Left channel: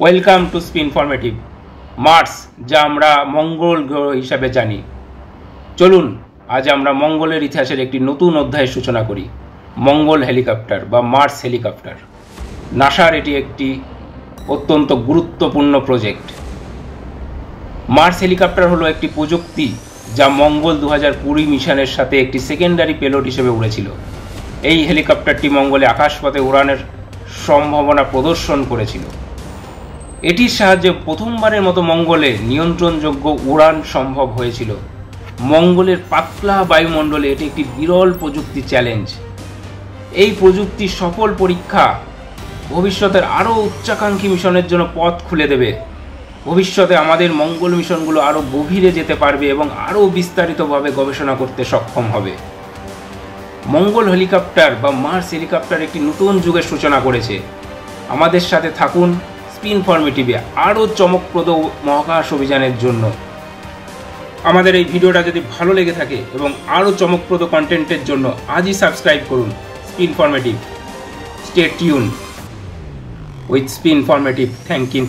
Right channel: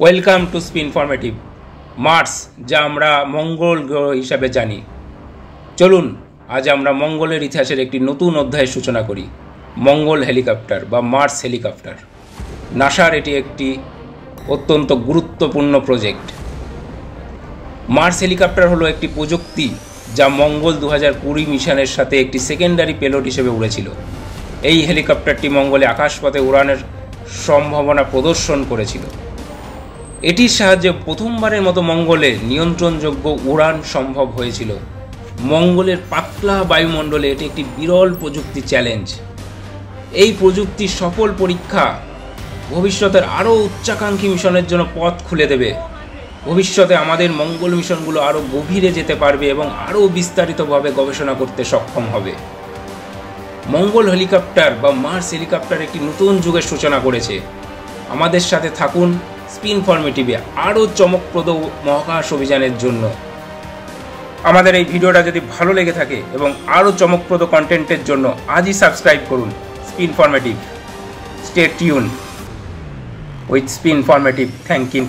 Welcome to spin informative. Mars, যা আমরা মঙ্গল গ্রহ হিসাবে জানি, চলুন আজ আমরা মঙ্গলের ইতিহাসের একটি নতুন অধ্যায়ের সূচনা করি। মঙ্গল হেলিকপ্টার বা মার্স হেলিকপ্টার। নাসার এটি একটি অত্যন্ত গুরুত্বপূর্ণ প্রজেক্ট। মার্স হেলিকপ্টার হলো একটি প্রযুক্তি যা মঙ্গল 2020 মিশনের সাথে একটি সেকেন্ডারি পেলোড হিসেবে উড়েছিল। এই হেলিকপ্টারটি মঙ্গলে আকাশপথে উড়ানের সম্ভাবনা প্রদর্শন করেছিল। এটির সাহায্যে প্রথমবারের মতো মঙ্গলে নিয়ন্ত্রণযোগ্য উড়ান সম্ভব হয়েছিল। মঙ্গলের পাতলা বায়ুমণ্ডলে এটি একটি বিরল প্রযুক্তি চ্যালেঞ্জ। এই প্রযুক্তির সফল পরীক্ষা ভবিষ্যতের আরও উচ্চাকাঙ্ক্ষী মিশনের জন্য পথ খুলে দেবে। ভবিষ্যতে আমাদের মঙ্গল মিশনগুলো আরও গভীরে যেতে পারবে এবং আরও বিস্তারিতভাবে গবেষণা করতে সক্ষম হবে। মঙ্গল হেলিকপ্টার বা মার্স হেলিকপ্টার একটি নতুন যুগের সূচনা করেছে। আমাদের সাথে থাকুন স্পিন ইনফরমেটিভে আরও চমকপ্রদ মহাকাশ অভিযানের জন্য। আমাদের এই ভিডিওটা যদি ভালো লেগে থাকে এবং আরও চমকপ্রদ কন্টেন্টের জন্য আজই সাবস্ক্রাইব করুন spin informative. Stay tune with spin informative. Thank you.